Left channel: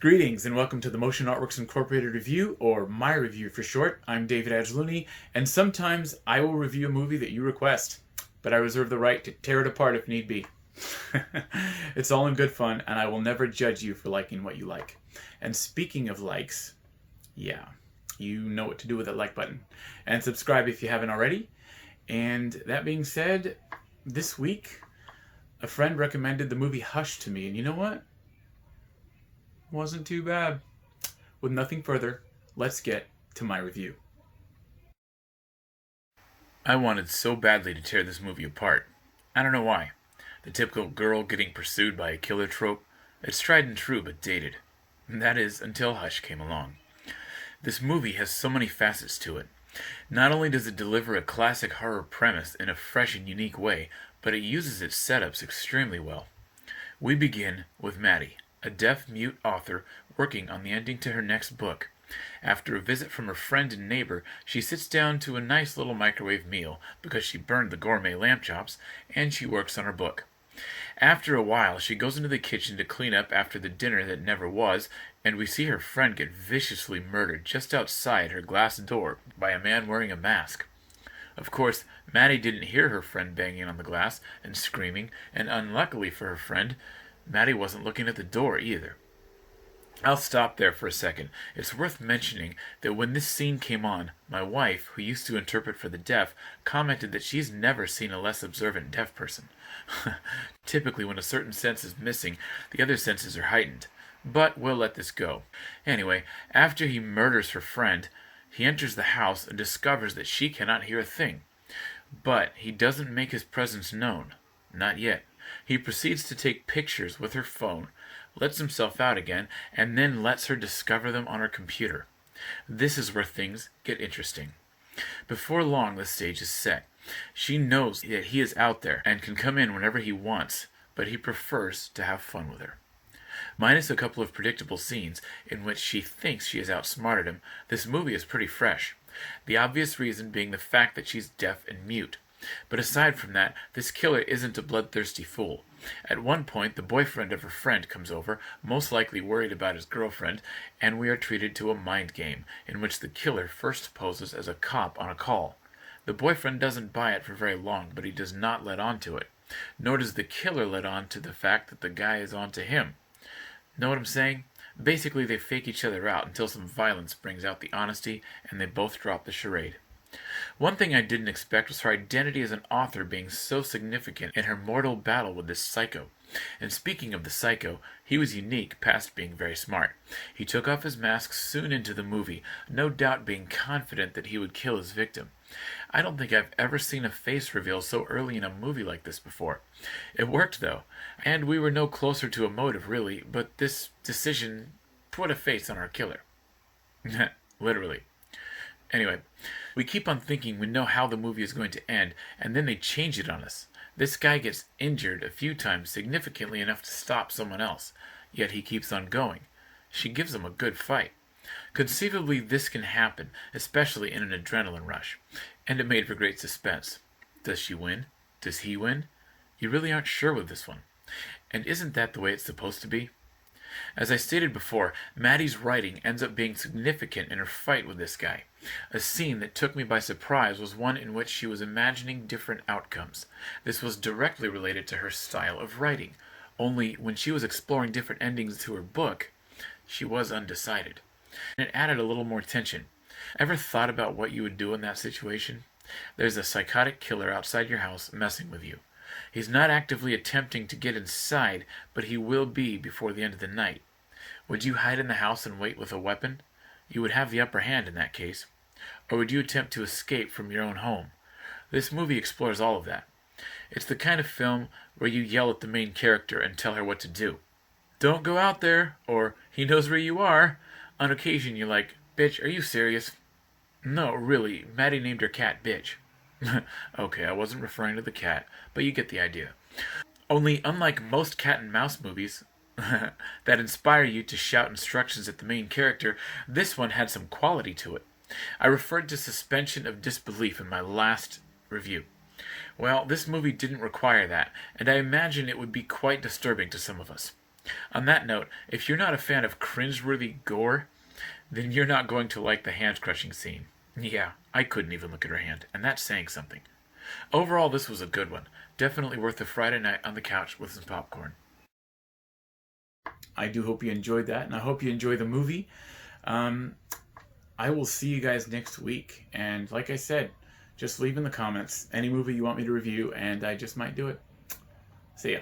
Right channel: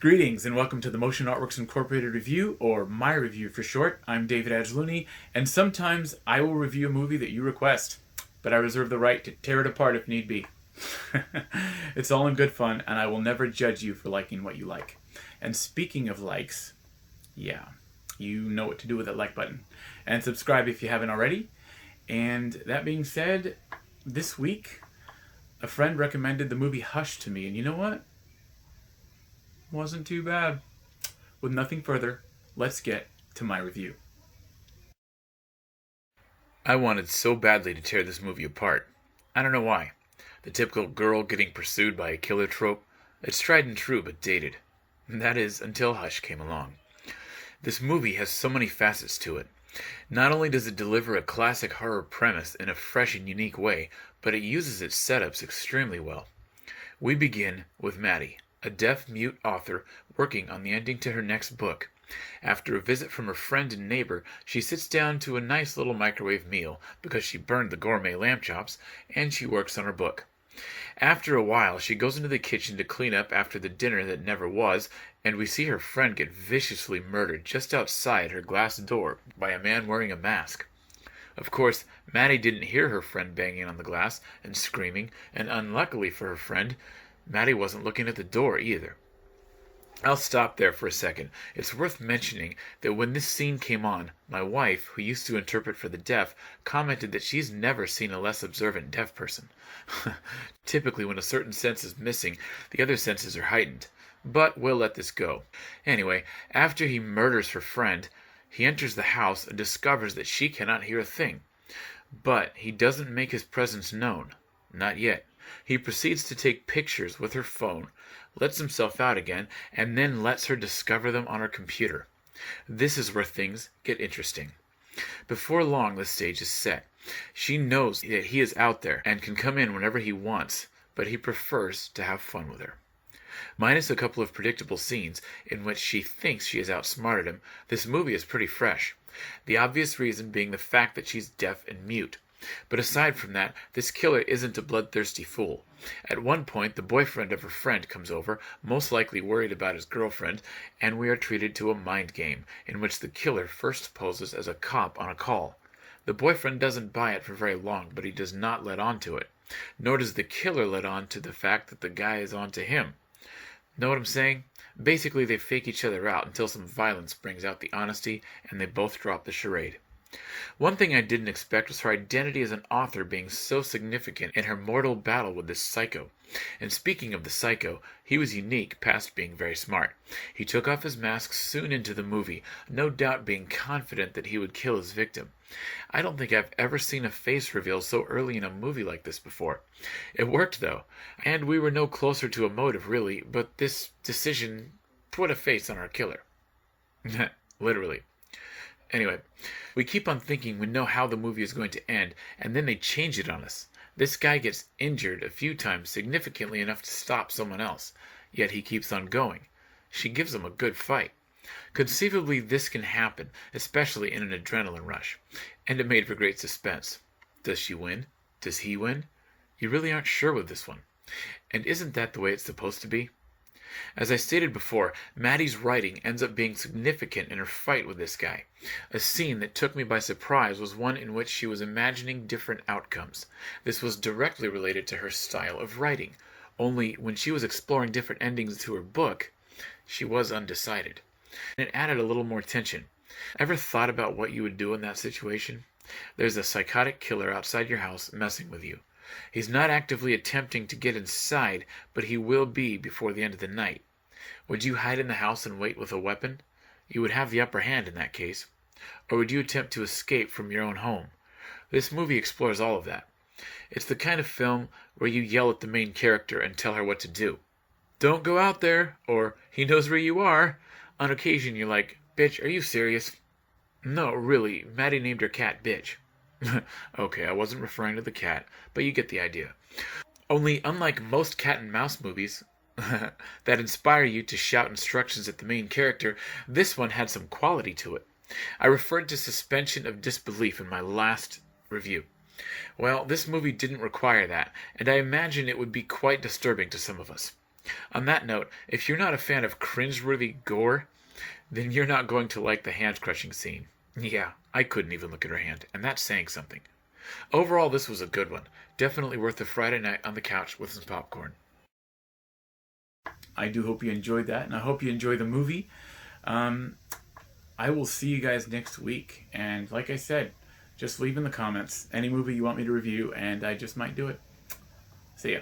Greetings and welcome to the Motion Artworks Incorporated review, or my review for short. I'm David Angeloni, and sometimes I will review a movie that you request, but I reserve the right to tear it apart if need be. It's all in good fun, and I will never judge you for liking what you like. And speaking of likes, yeah, you know what to do with that like button. And subscribe if you haven't already. And that being said, this week, a friend recommended the movie Hush to me, and you know what? Wasn't too bad. With nothing further, let's get to my review. I wanted so badly to tear this movie apart. I don't know why. The typical girl getting pursued by a killer trope. It's tried and true but dated. And that is until Hush came along. This movie has so many facets to it. Not only does it deliver a classic horror premise in a fresh and unique way, but it uses its setups extremely well. We begin with Maddie, a deaf-mute author working on the ending to her next book. After a visit from her friend and neighbor, she sits down to a nice little microwave meal because she burned the gourmet lamb chops, and she works on her book. After a while, she goes into the kitchen to clean up after the dinner that never was, and we see her friend get viciously murdered just outside her glass door by a man wearing a mask. Of course, Maddie didn't hear her friend banging on the glass and screaming, and unluckily for her friend, Maddie wasn't looking at the door either. I'll stop there for a second. It's worth mentioning that when this scene came on, my wife, who used to interpret for the deaf, commented that she's never seen a less observant deaf person. Typically, when a certain sense is missing, the other senses are heightened. But we'll let this go. Anyway, after he murders her friend, he enters the house and discovers that she cannot hear a thing. But he doesn't make his presence known. Not yet. He proceeds to take pictures with her phone, lets himself out again, and then lets her discover them on her computer. This is where things get interesting. Before long, the stage is set. She knows that he is out there and can come in whenever he wants, but he prefers to have fun with her. Minus a couple of predictable scenes in which she thinks she has outsmarted him, this movie is pretty fresh. The obvious reason being the fact that she's deaf and mute. But aside from that, this killer isn't a bloodthirsty fool. At one point, the boyfriend of her friend comes over, most likely worried about his girlfriend, and we are treated to a mind game, in which the killer first poses as a cop on a call. The boyfriend doesn't buy it for very long, but he does not let on to it. Nor does the killer let on to the fact that the guy is on to him. Know what I'm saying? Basically, they fake each other out until some violence brings out the honesty, and they both drop the charade. One thing I didn't expect was her identity as an author being so significant in her mortal battle with this psycho. And speaking of the psycho, he was unique past being very smart. He took off his mask soon into the movie, no doubt being confident that he would kill his victim. I don't think I've ever seen a face reveal so early in a movie like this before. It worked though, and we were no closer to a motive really, but this decision put a face on our killer. Literally. Anyway, we keep on thinking we know how the movie is going to end, and then they change it on us. This guy gets injured a few times, significantly enough to stop someone else, yet he keeps on going. She gives him a good fight. Conceivably, this can happen, especially in an adrenaline rush, and it made for great suspense. Does she win? Does he win? You really aren't sure with this one. And isn't that the way it's supposed to be? As I stated before, Maddie's writing ends up being significant in her fight with this guy. A scene that took me by surprise was one in which she was imagining different outcomes. This was directly related to her style of writing, only when she was exploring different endings to her book, she was undecided. And it added a little more tension. Ever thought about what you would do in that situation? There's a psychotic killer outside your house messing with you. He's not actively attempting to get inside, but he will be before the end of the night. Would you hide in the house and wait with a weapon? You would have the upper hand in that case. Or would you attempt to escape from your own home? This movie explores all of that. It's the kind of film where you yell at the main character and tell her what to do. Don't go out there, or he knows where you are. On occasion you're like, bitch, are you serious? No, really, Maddie named her cat Bitch. Okay, I wasn't referring to the cat, but you get the idea. Only, unlike most cat and mouse movies that inspire you to shout instructions at the main character, this one had some quality to it. I referred to suspension of disbelief in my last review. Well, this movie didn't require that, and I imagine it would be quite disturbing to some of us. On that note, if you're not a fan of cringeworthy gore, then you're not going to like the hand crushing scene. Yeah, I couldn't even look at her hand, and that's saying something. Overall, this was a good one. Definitely worth a Friday night on the couch with some popcorn. I do hope you enjoyed that, and I hope you enjoy the movie. Um, I will see you guys next week, and like I said, just leave in the comments any movie you want me to review, and I just might do it. See ya.